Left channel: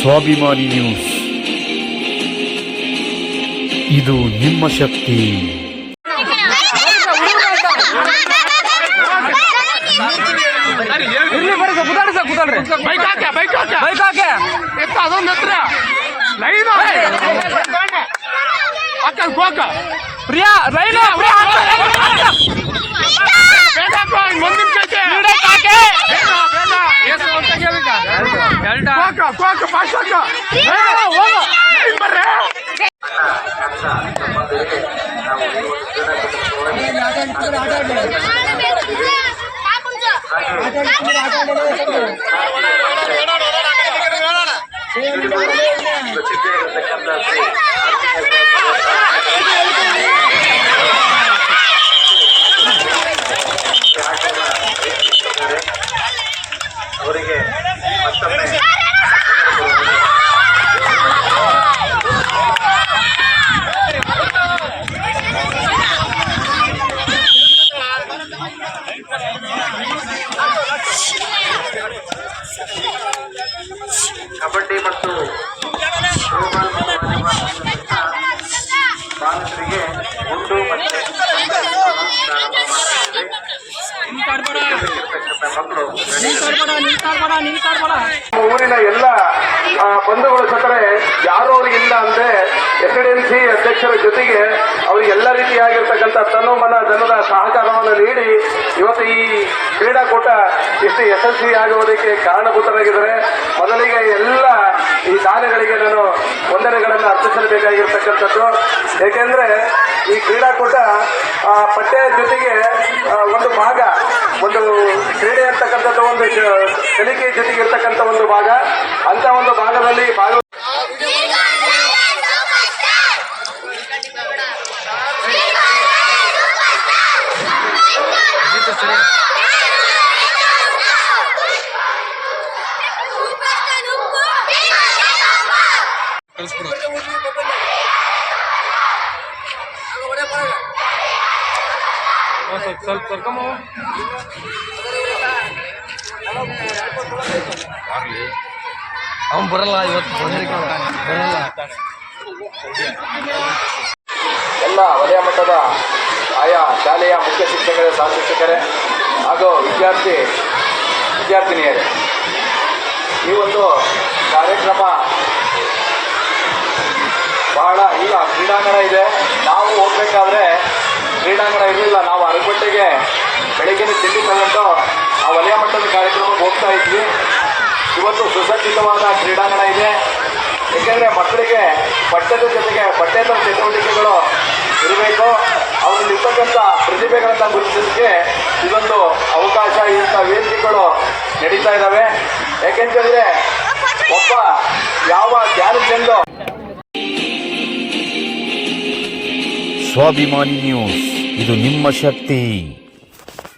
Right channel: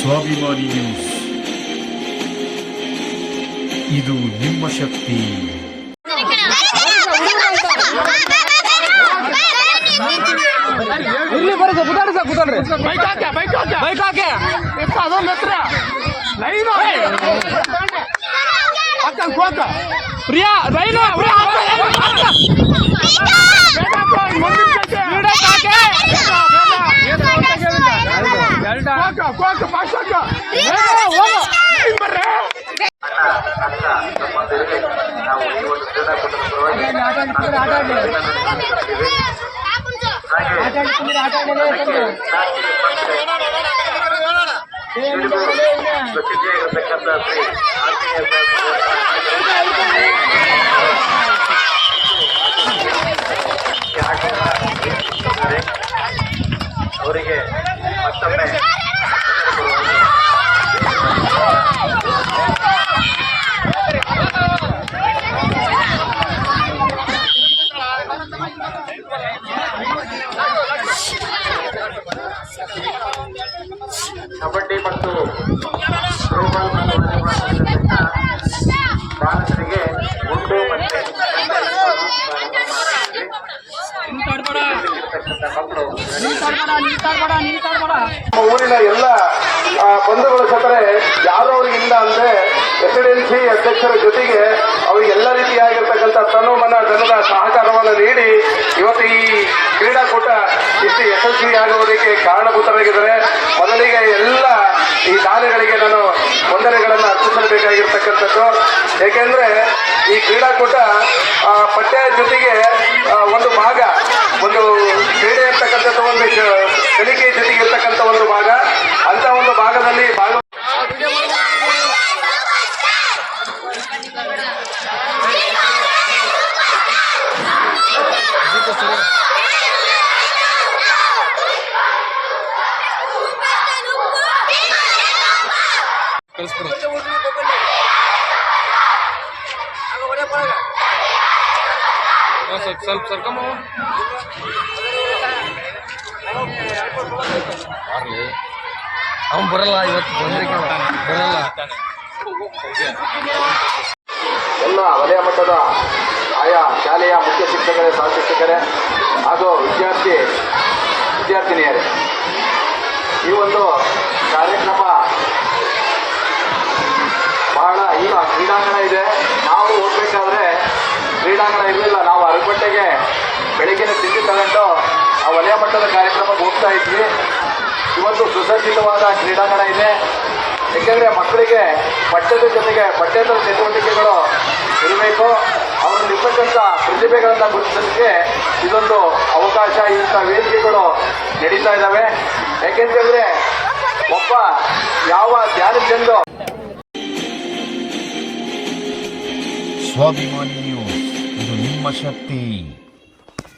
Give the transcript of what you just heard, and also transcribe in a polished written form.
ಸ್ವಾಭಿಮಾನಿ ನ್ಯೂಸ್, ಇದು ನಿಮ್ಮ ಶಕ್ತಿ. ಅವರಿಗೆ ಕಬಡ್ಡಿ ಮತ್ತು ಥ್ರೋಬಾಲ್ ಮತ್ತು ವಾಲಿಬಾಲ್ ಬಾಲಕರಿಗೆ ಗುಂಡು ಮತ್ತು ಊರಿನ ಎಲ್ಲ ಬಂಧುಗಳು ಸತ್ತರೆ ಯಾರು ಅವ್ರಿಗಿಲ್ಲ ಅಂದ್ರೆ ಎಸ್ಡಿಎನ್ಸಿ ಅಧ್ಯಕ್ಷರ ಜೊತೆಗೆ ಅವರಿಗೆಲ್ಲ ರೀತಿಯಾಗಿರ್ತಕ್ಕಂಥ ತನು ಮನ ಧನದ ಸಹಕಾರವನ್ನು ನೀಡಿ ಇವತ್ತು ಈ ಕ್ರೀಡಾಕೂಟ ಇಷ್ಟು ಯಶಸ್ವಿಯಾಗುವುದಕ್ಕೆ ಕಾರಣಭೂತರಾಗಿದ್ದಾರೆ. ಮೊದಲಿಗೆ ಎಲ್ಲ ಈ ದಾನಿಗಳಿಗೆ ನಾನು ವಂದನೆಗಳನ್ನು ಅರ್ಪಿಸಬೇಕಾಗಿರ್ತಕ್ಕಂಥದ್ದು. ಏಕೆಂದ್ರೆ ಈ ಕ್ರೀಡಾಕೂಟ ಪಠ್ಯ ಜೊತೆಗೆ ಒಂದು ಭಾಗ, ಒಂದು ಕ್ರೀಡೆ ಇರ್ತಕ್ಕಂಥದ್ದು, ಒಂದು ಕಲಿಕೆ ಜೊತೆಗೆ ಇರ್ತಕ್ಕಂಥ ಒಂದು ಭಾಗ, ಅಂತ ಒಂದು ಭಾಗದಲ್ಲಿ ಸ್ವಲ್ಪ ಅವನು ಬರಲ್ಲ, ಇವತ್ತು ಬರಲ್ಲ. ಎಲ್ಲ ವಲಯ ಮಟ್ಟದ ಆಯಾ ಶಾಲೆಯ ಮುಖ್ಯ ಶಿಕ್ಷಕರೇ, ಸಹ ಶಿಕ್ಷಕರೇ ಹಾಗೂ ವಿದ್ಯಾರ್ಥಿನಿಯರೇ, ಈ ಒಂದು ಕಾರ್ಯಕ್ರಮ ಬಹಳ ಈಗ ಕ್ರೀಡಾಂಗಣ ಇದೆ. ನಾವು ಹೋಗ್ಬೇಕಾದ್ರೆ ಕ್ರೀಡಾಂಗಣ ಇರಲಿಲ್ಲ. ನಾವು ಅರಗುಂಟೆಗೆ ಬೆಳಗ್ಗಿನ ತಿಂಡಿ ತಗೊಂಡು ಆ ವಲಯ ಮಟ್ಟದ ಕಾರ್ಯಕ್ರಮಕ್ಕೆ ಹೋಗ್ತಾ ಇದ್ವಿ. ಇವತ್ತು ಸುಸಜ್ಜಿತವಾದ ಕ್ರೀಡಾಂಗಣ ಇದೆ. ಏಕೆಂದರೆ ಮಕ್ಕಳಿಗೆ ಪಠ್ಯದ ಜೊತೆಗೆ ಪಠ್ಯೇತರ ಚಟುವಟಿಕೆಗಳು ಇರಬೇಕು. ಅವರಲ್ಲಿರ್ತಕ್ಕಂಥ ಪ್ರತಿಭೆಗಳನ್ನು ಗುರುತಿಸಲಿಕ್ಕೆ ಇದೊಂದು ಅವಕಾಶ, ಇಂಥ ವೇದಿಕೆಗಳು ನಡೀತಾ ಇದ್ದಾವೆ. ಯಾಕೆಂತಂದ್ರೆ ಒಬ್ಬ ಯಾವ ಧ್ಯಾನಚಂದ್ರ ಸ್ವಾಭಿಮಾನಿ ನ್ಯೂಸ್, ಇದು ನಿಮ್ಮ ಶಕ್ತಿ.